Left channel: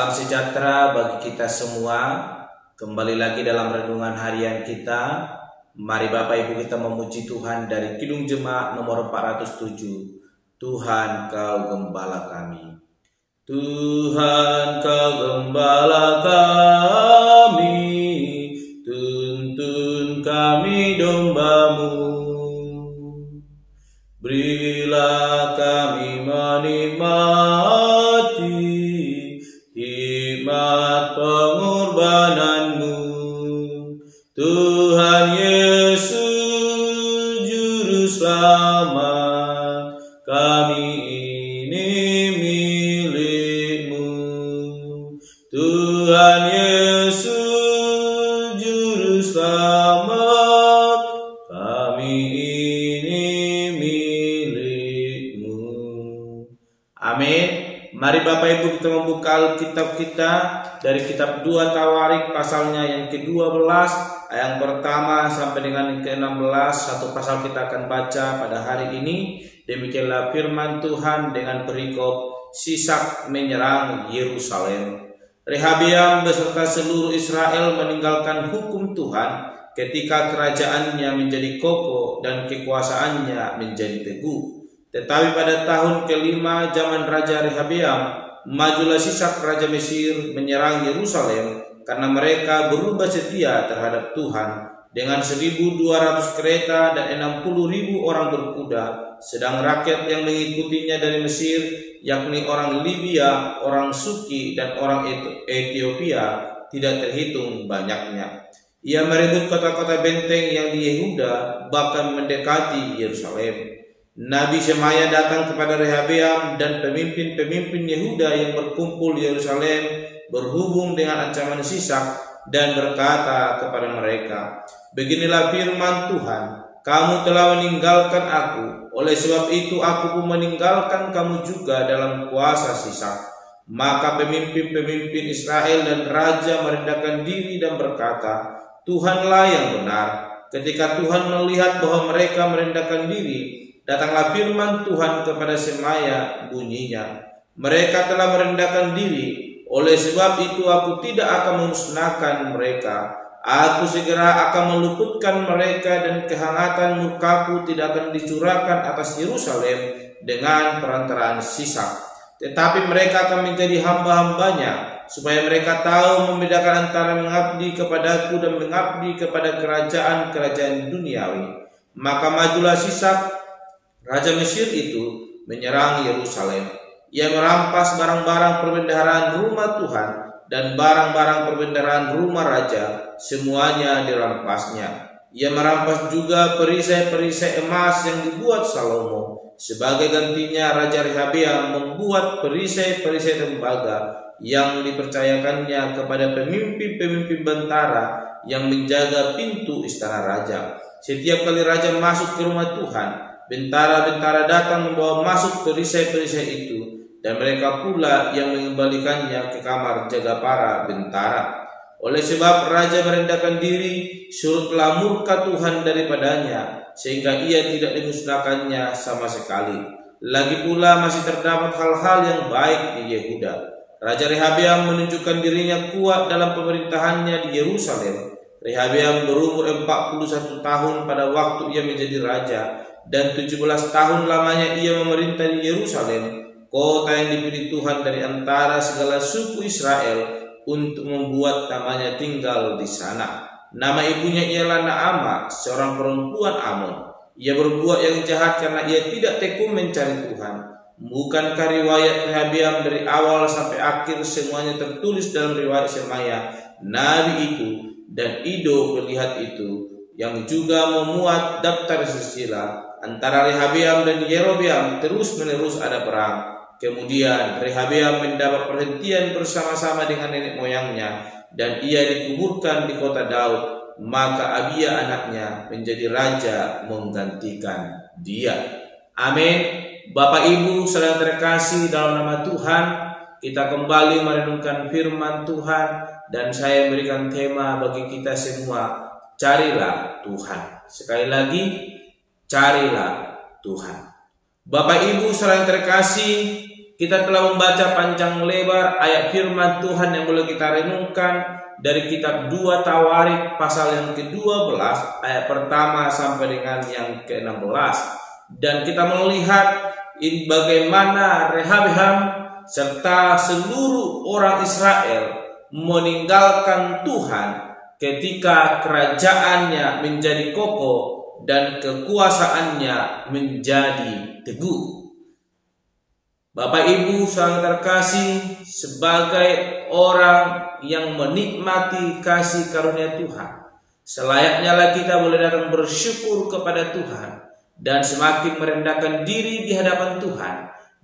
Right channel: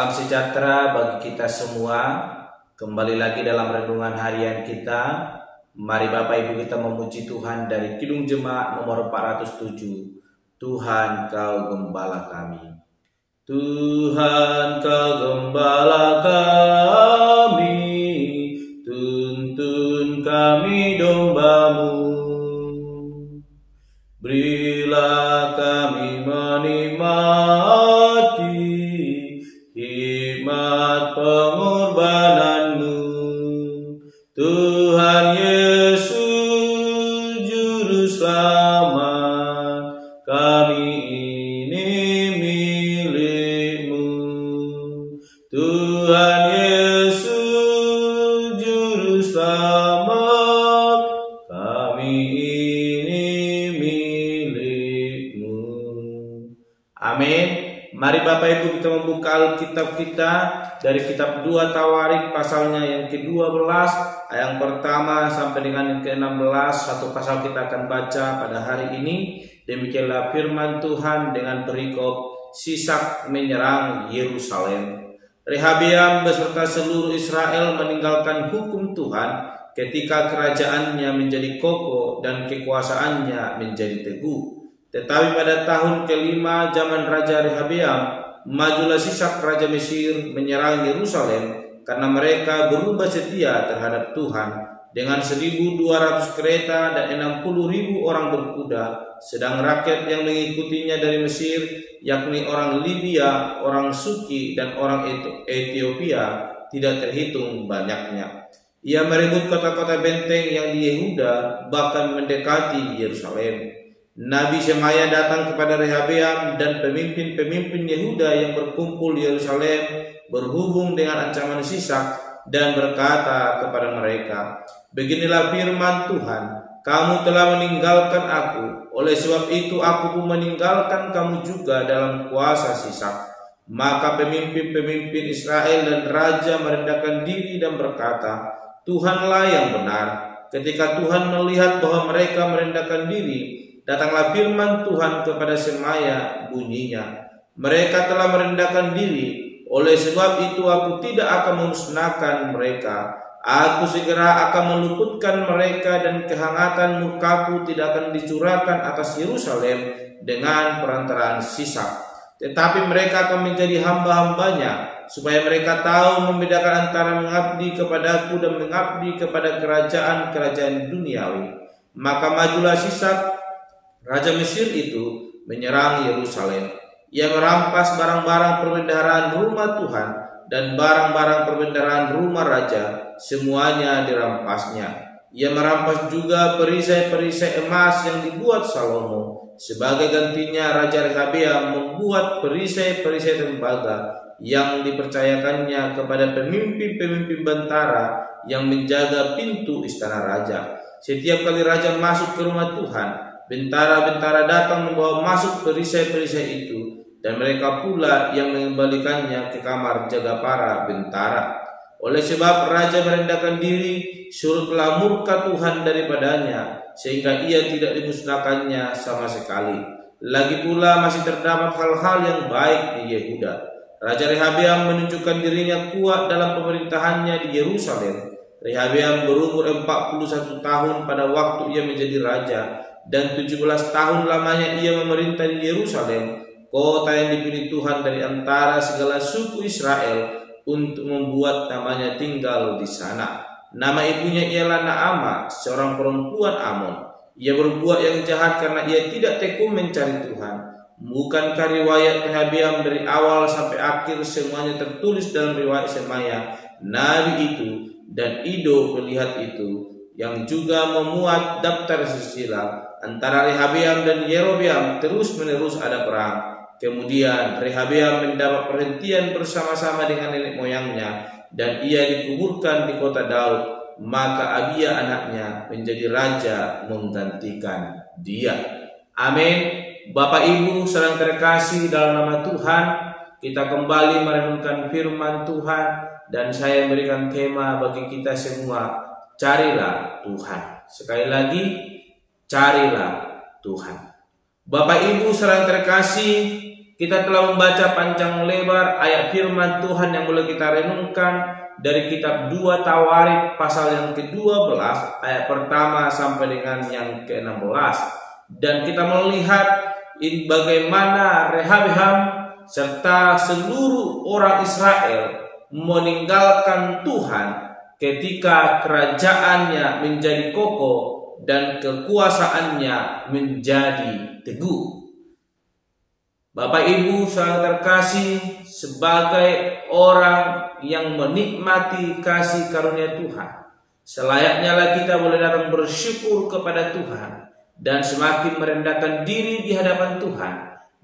Salam sejahtera bagi kita semua. Kembali lagi dalam renungan harian kita. Mari Bapak Ibu kita memuji Tuhan dari Kidung Jemaat nomor 407. Tuhan Kau Gembala kami. Tuhan Kau Gembala kami, tuntun kami domba-Mu. Berilah kami menikmati hikmat pengorbanan-Mu. Tuhan Yesus Juru Selamat, kami ini milik-Mu. Tuhan Yesus Juru Selamat, kami ini milik-Mu. Amin. Mari Bapak Ibu kita membuka Alkitab kita dari kitab 2 Tawarik pasalnya yang ke-12 ayat pertama sampai dengan yang ke-16. Satu pasal kita akan baca pada hari ini. Demikianlah firman Tuhan dengan perikop Sisak menyerang Yerusalem. Rehabeam beserta seluruh Israel meninggalkan hukum Tuhan ketika kerajaannya menjadi kokoh dan kekuasaannya menjadi teguh. Tetapi pada tahun kelima zaman Raja Rehabeam, majulah Sisak Raja Mesir menyerang Yerusalem karena mereka berubah setia terhadap Tuhan dengan 1.200 kereta dan 60.000 orang berkuda, sedang rakyat yang mengikutinya dari Mesir, yakni orang Libya, orang Suki, dan orang Ethiopia, tidak terhitung banyaknya. Ia merebut kota-kota benteng yang di Yehuda, bahkan mendekati Yerusalem. Nabi Shemaya datang kepada Rehabeam dan pemimpin-pemimpin Yehuda yang berkumpul di Yerusalem berhubung dengan ancaman Sisak dan berkata kepada mereka, "Beginilah firman Tuhan, kamu telah meninggalkan aku, oleh sebab itu aku pun meninggalkan kamu juga dalam kuasa Sisak." Maka pemimpin-pemimpin Israel dan raja merendahkan diri dan berkata, "Tuhanlah yang benar." Ketika Tuhan melihat bahwa mereka merendahkan diri, datanglah firman Tuhan kepada Shemaya, bunyinya, "Mereka telah merendahkan diri, oleh sebab itu aku tidak akan memusnahkan mereka. Aku segera akan meluputkan mereka dan kehangatan murkaku tidak akan dicurahkan atas Yerusalem dengan perantaraan Sisak. Tetapi mereka akan menjadi hamba-hambanya, supaya mereka tahu membedakan antara mengabdi kepadaku dan mengabdi kepada kerajaan-kerajaan duniawi." Maka majulah Sisak Raja Mesir itu menyerang Yerusalem. Ia merampas barang-barang perbendaharaan rumah Tuhan dan barang-barang perbendaharaan rumah raja, semuanya dirampasnya. Ia merampas juga perisai-perisai emas yang dibuat Salomo. Sebagai gantinya Raja Rehabeam membuat perisai-perisai tembaga yang dipercayakannya kepada pemimpin-pemimpin bentara yang menjaga pintu istana raja. Setiap kali raja masuk ke rumah Tuhan, bentara-bentara datang membawa masuk perisai-perisai itu, dan mereka pula yang mengembalikannya ke kamar jaga para bentara. Oleh sebab raja merendahkan diri, surutlah murka Tuhan daripadanya, sehingga ia tidak dimusnahkannya sama sekali. Lagi pula masih terdapat hal-hal yang baik di Yehuda. Raja Rehabeam menunjukkan dirinya kuat dalam pemerintahannya di Yerusalem. Rehabeam berumur 41 tahun pada waktu ia menjadi raja, dan 17 tahun lamanya ia memerintah di Yerusalem, kota yang dipilih Tuhan dari antara segala suku Israel untuk membuat namanya tinggal di sana. Nama ibunya ialah Naamah, seorang perempuan Amon. Ia berbuat yang jahat karena ia tidak tekun mencari Tuhan. Bukankah riwayat Rehabeam dari awal sampai akhir semuanya tertulis dalam riwayat Shemaya, nabi itu, dan Ido pelihat itu, yang juga memuat daftar silsilah antara Rehabeam dan Yerobeam terus-menerus ada perang. Kemudian Rehabeam mendapat perhentian bersama-sama dengan nenek moyangnya, dan ia dikuburkan di kota Daud. Maka Abia anaknya menjadi raja menggantikan dia. Amin. Bapak Ibu saudara terkasih dalam nama Tuhan, kita kembali merenungkan firman Tuhan, dan saya berikan tema bagi kita semua, carilah Tuhan. Sekali lagi, carilah Tuhan. Bapak Ibu saudara terkasih, Kita telah membaca panjang lebar ayat firman Tuhan yang boleh kita renungkan dari kitab 2 Tawarik pasal yang ke-12 ayat pertama sampai dengan yang ke-16. Dan kita melihat bagaimana Rehabeam serta seluruh orang Israel meninggalkan Tuhan ketika kerajaannya menjadi kokoh dan kekuasaannya menjadi teguh. Bapak Ibu saudara terkasih, sebagai orang yang menikmati kasih karunia Tuhan, selayaknya lah kita boleh datang bersyukur kepada Tuhan dan semakin merendahkan diri di hadapan Tuhan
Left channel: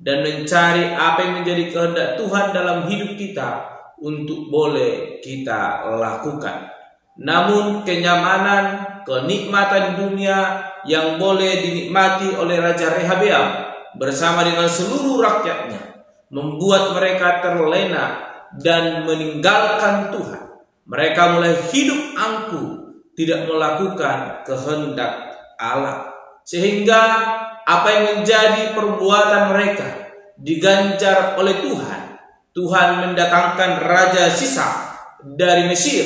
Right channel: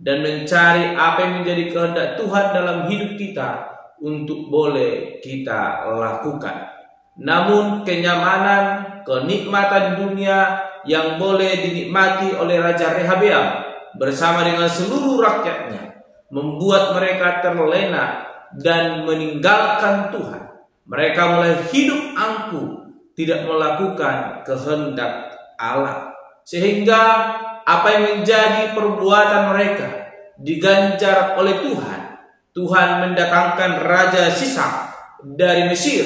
dan mencari apa yang menjadi kehendak Tuhan dalam hidup kita untuk boleh kita lakukan. Namun kenyamanan, kenikmatan dunia yang boleh dinikmati oleh Raja Rehabeam bersama dengan seluruh rakyatnya membuat mereka terlena dan meninggalkan Tuhan. Mereka mulai hidup angkuh, tidak melakukan kehendak Allah, sehingga apa yang menjadi perbuatan mereka diganjar oleh Tuhan. Tuhan mendatangkan Raja Sisak dari Mesir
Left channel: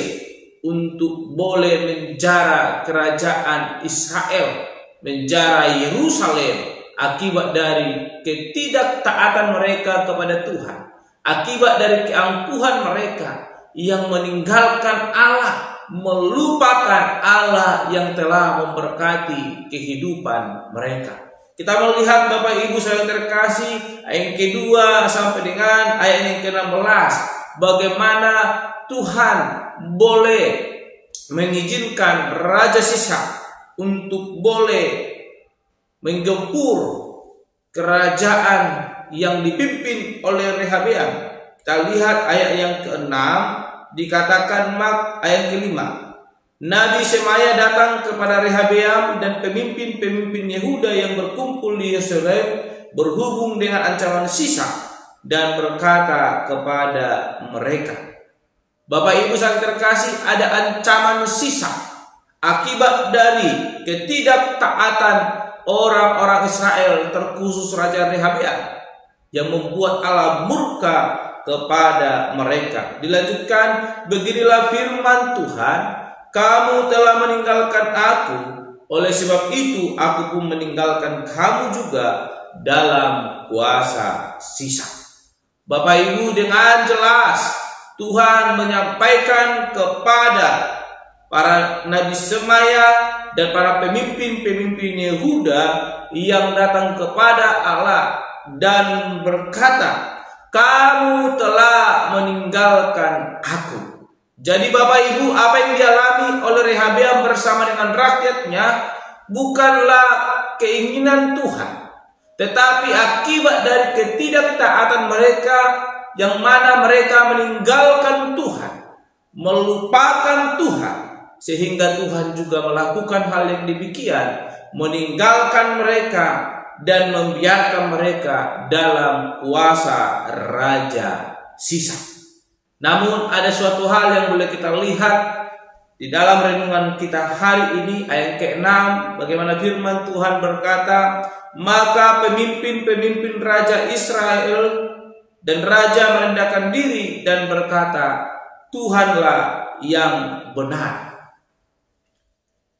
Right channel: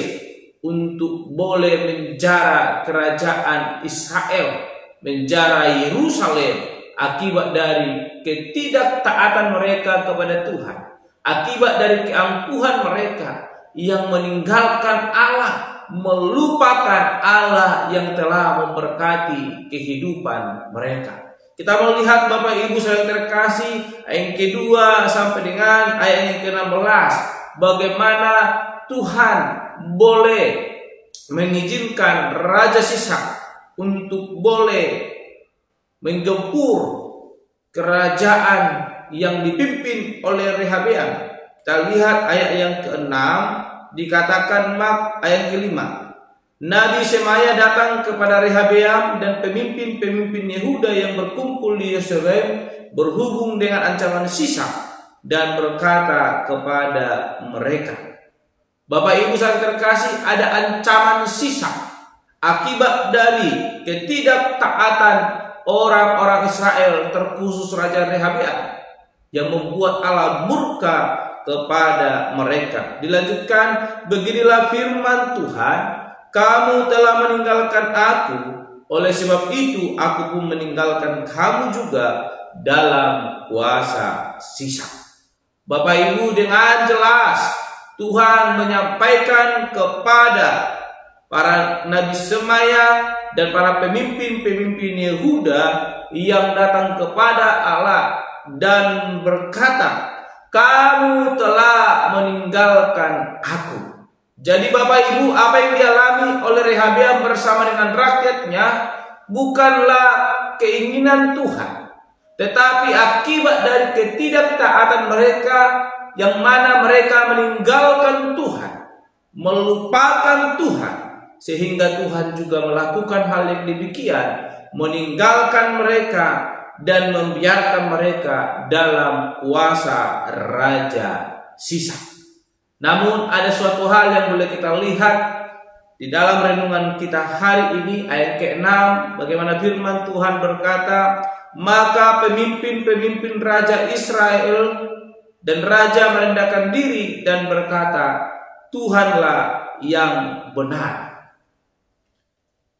untuk boleh menjara kerajaan Israel, menjara Yerusalem, akibat dari ketidaktaatan mereka kepada Tuhan, akibat dari keangkuhan mereka yang meninggalkan Allah, melupakan Allah yang telah memberkati kehidupan mereka. Kita melihat Bapak Ibu saudara terkasih, ayat kedua sampai dengan ayat yang ke-16, bagaimana Tuhan boleh mengizinkan Raja Sisak untuk boleh menggempur kerajaan yang dipimpin oleh Rehabeam. Kita lihat ayat yang ke-6, dikatakan ayat ke-5. Nabi Semaya datang kepada Rehabeam dan pemimpin-pemimpin Yehuda yang berkumpul di Yerusalem berhubung dengan ancaman Sisak dan berkata kepada mereka. Bapak Ibu saudara terkasih, ada ancaman Sisak akibat dari ketidaktaatan orang-orang Israel, terkhusus Raja Rehabeam, yang membuat Allah murka kepada mereka. Dilanjutkan, beginilah firman Tuhan, kamu telah meninggalkan aku, oleh sebab itu aku pun meninggalkan kamu juga dalam kuasa Sisak. Bapak Ibu, dengan jelas Tuhan menyampaikan kepada para Nabi Semaya dan para pemimpin-pemimpin Yehuda yang datang kepada Allah dan berkata, kamu telah meninggalkan aku. Jadi Bapak Ibu, apa yang dialami oleh Rehabeam bersama dengan rakyatnya bukanlah keinginan Tuhan, tetapi akibat dari ketidaktaatan mereka, yang mana mereka meninggalkan Tuhan, melupakan Tuhan, sehingga Tuhan juga melakukan hal yang demikian, meninggalkan mereka dan membiarkan mereka dalam kuasa Raja Sisak. Namun ada suatu hal yang boleh kita lihat di dalam renungan kita hari ini, ayat ke-6, bagaimana firman Tuhan berkata, maka pemimpin-pemimpin Raja Israel dan Raja merendahkan diri dan berkata, Tuhanlah yang benar.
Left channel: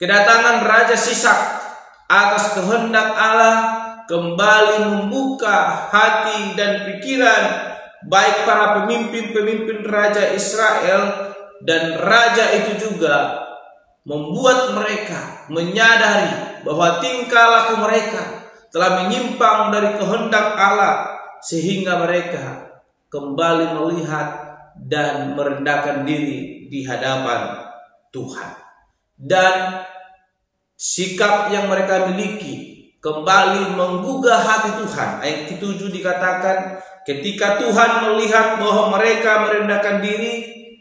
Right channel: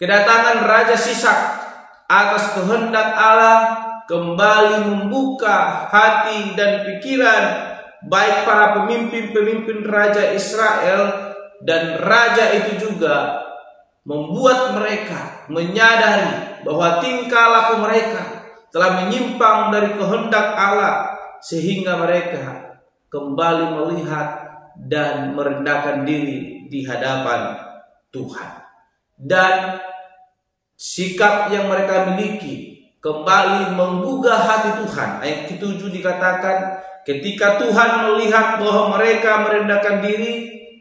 Kedatangan Raja Sisak atas kehendak Allah kembali membuka hati dan pikiran baik para pemimpin-pemimpin Raja Israel, dan Raja itu juga membuat mereka menyadari bahwa tingkah laku mereka telah menyimpang dari kehendak Allah, sehingga mereka kembali melihat dan merendahkan diri di hadapan Tuhan. Dan sikap yang mereka miliki kembali menggugah hati Tuhan. Ayat ke-7 dikatakan, ketika Tuhan melihat bahwa mereka merendahkan diri,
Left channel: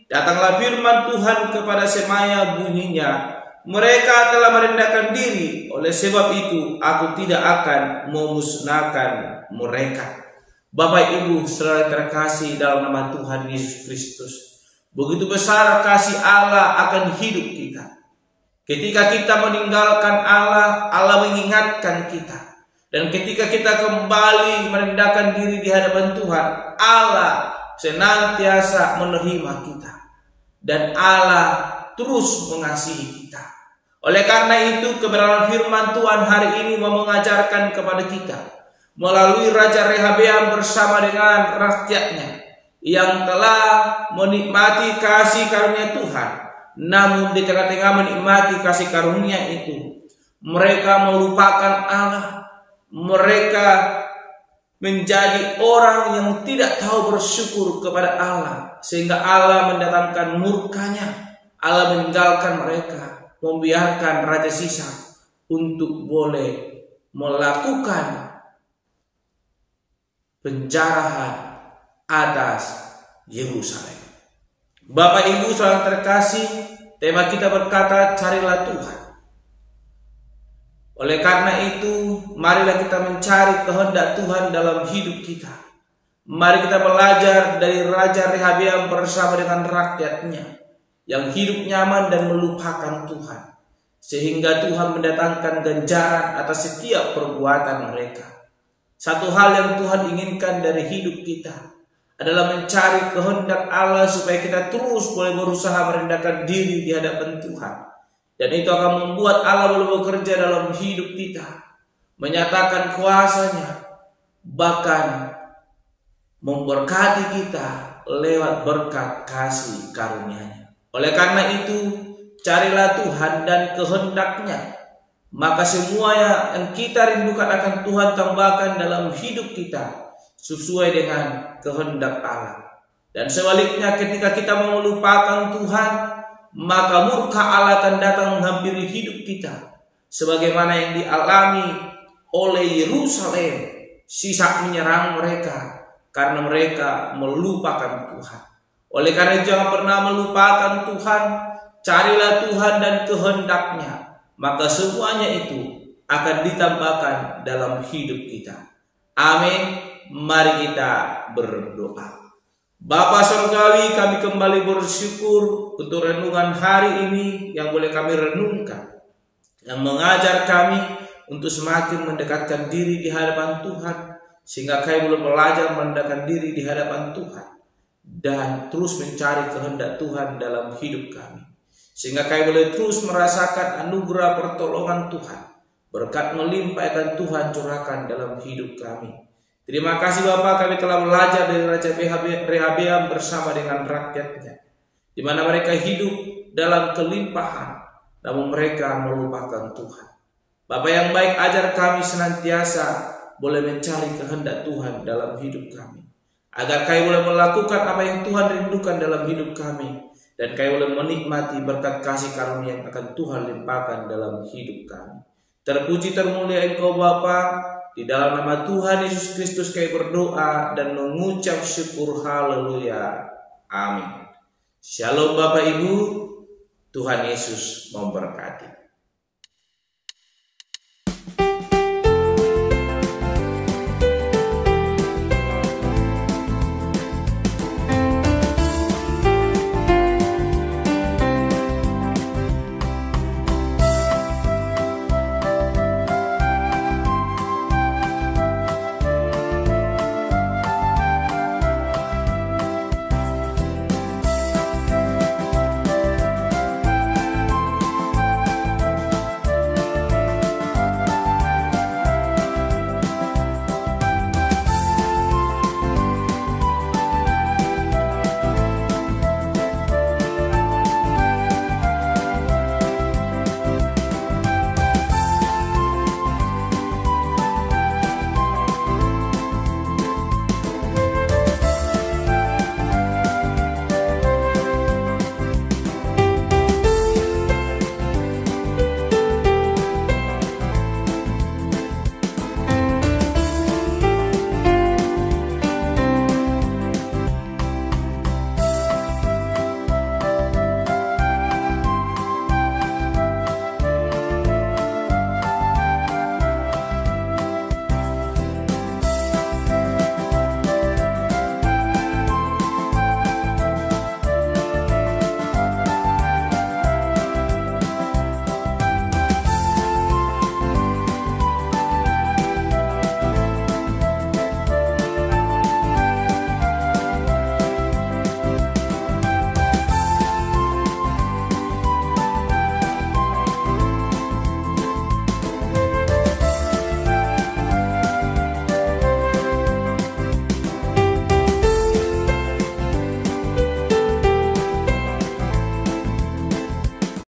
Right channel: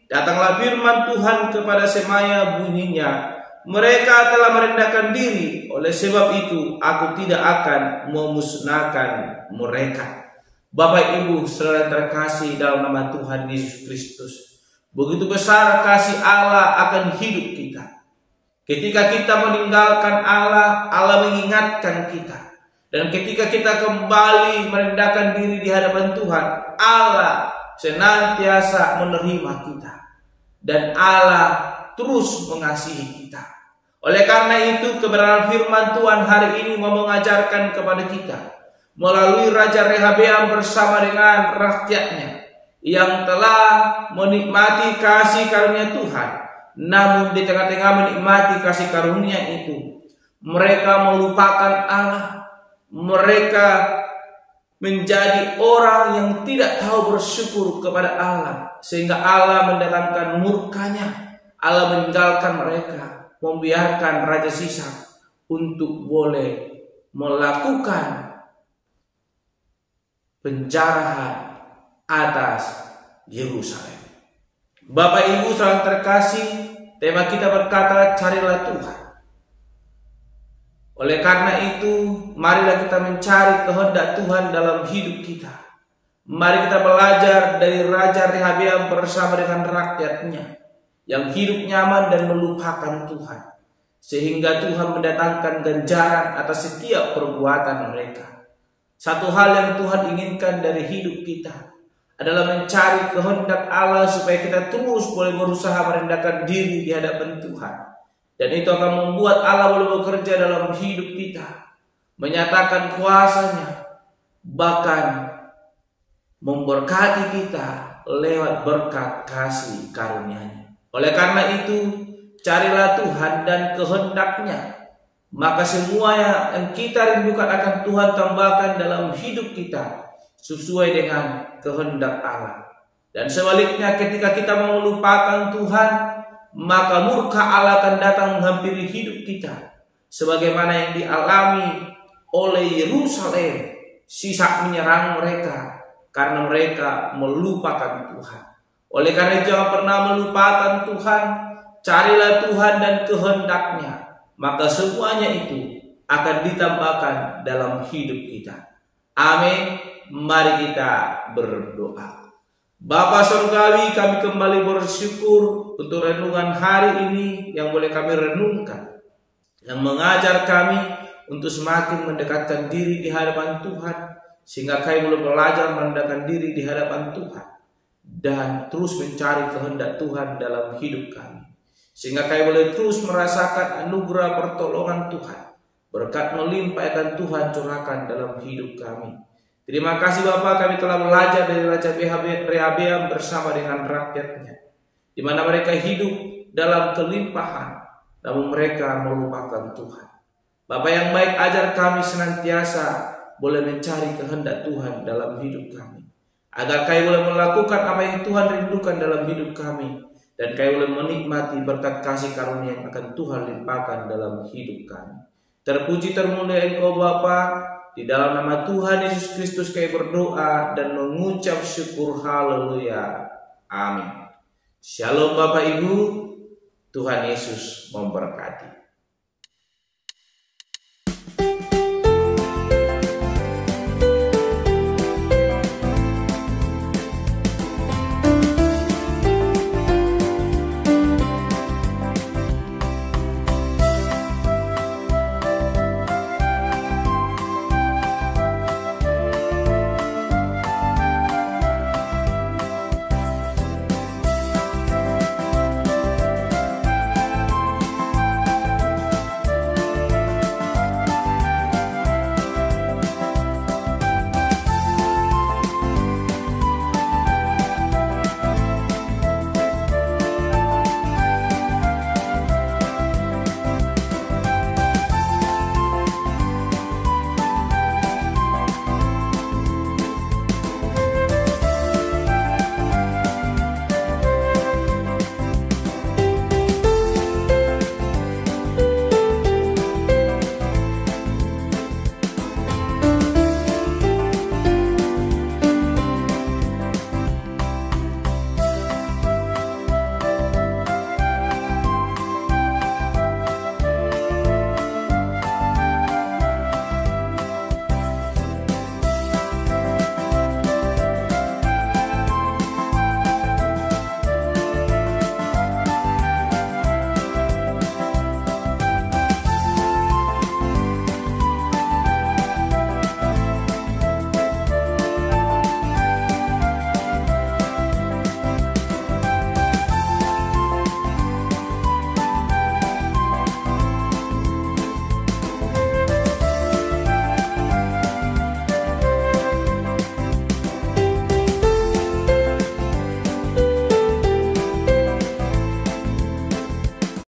datanglah firman Tuhan kepada Semaya bunyinya, mereka telah merendahkan diri, oleh sebab itu aku tidak akan memusnahkan mereka. Bapak Ibu saudara terkasih dalam nama Tuhan Yesus Kristus, begitu besar kasih Allah akan hidup kita. Ketika kita meninggalkan Allah, Allah mengingatkan kita. Dan ketika kita kembali merendahkan diri di hadapan Tuhan, Allah senantiasa menerima kita. Dan Allah terus mengasihi kita. Oleh karena itu kebenaran firman Tuhan hari ini mau mengajarkan kepada kita melalui Raja Rehabeam bersama dengan rakyatnya yang telah menikmati kasih karunia Tuhan. Namun di tengah-tengah menikmati kasih karunia itu, mereka melupakan Allah. Mereka menjadi orang yang tidak tahu bersyukur kepada Allah, sehingga Allah mendatangkan murkanya. Allah meninggalkan mereka, membiarkan Raja Sisak untuk boleh melakukan penjarahan atas Yerusalem. Bapak Ibu saudara terkasih, tema kita berkata carilah Tuhan. Oleh karena itu, marilah kita mencari kehendak Tuhan dalam hidup kita. Mari kita belajar dari Raja Rehabeam bersama dengan rakyatnya yang hidup nyaman dan melupakan Tuhan, sehingga Tuhan mendatangkan ganjaran atas setiap perbuatan mereka. Satu hal yang Tuhan inginkan dari hidup kita adalah mencari kehendak Allah supaya kita terus boleh berusaha merendahkan diri di hadapan Tuhan. Dan itu akan membuat Allah boleh bekerja dalam hidup kita, menyatakan kuasa-Nya, bahkan memberkati kita lewat berkat kasih karunia-Nya. Oleh karena itu, carilah Tuhan dan kehendak-Nya, maka semua yang kita rindukan akan Tuhan tambahkan dalam hidup kita sesuai dengan kehendak Allah. Dan sebaliknya, ketika kita melupakan Tuhan, maka murka Allah akan datang menghampiri hidup kita, sebagaimana yang dialami oleh Yerusalem. Sisak menyerang mereka karena mereka melupakan Tuhan. Oleh karena itu, jangan pernah melupakan Tuhan. Carilah Tuhan dan kehendak-Nya, maka semuanya itu akan ditambahkan dalam hidup kita. Amin. Mari kita berdoa. Bapa Surgawi, kami kembali bersyukur untuk renungan hari ini yang boleh kami renungkan, yang mengajar kami untuk semakin mendekatkan diri di hadapan Tuhan, sehingga kami boleh belajar mendekatkan diri di hadapan Tuhan dan terus mencari kehendak Tuhan dalam hidup kami, sehingga kami boleh terus merasakan anugerah pertolongan Tuhan, berkat melimpah yang Tuhan curahkan dalam hidup kami. Terima kasih Bapak, kami telah belajar dari Raja Rehabeam bersama dengan rakyatnya, di mana mereka hidup dalam kelimpahan, namun mereka melupakan Tuhan. Bapak yang baik, ajar kami senantiasa boleh mencari kehendak Tuhan dalam hidup kami, agar kami boleh melakukan apa yang Tuhan rindukan dalam hidup kami, dan kami boleh menikmati berkat kasih karunia yang akan Tuhan limpahkan dalam hidup kami. Terpuji termulia Engkau Bapa. Di dalam nama Tuhan Yesus Kristus kami berdoa dan mengucap syukur. Haleluya. Amin. Shalom Bapak Ibu. Tuhan Yesus memberkati.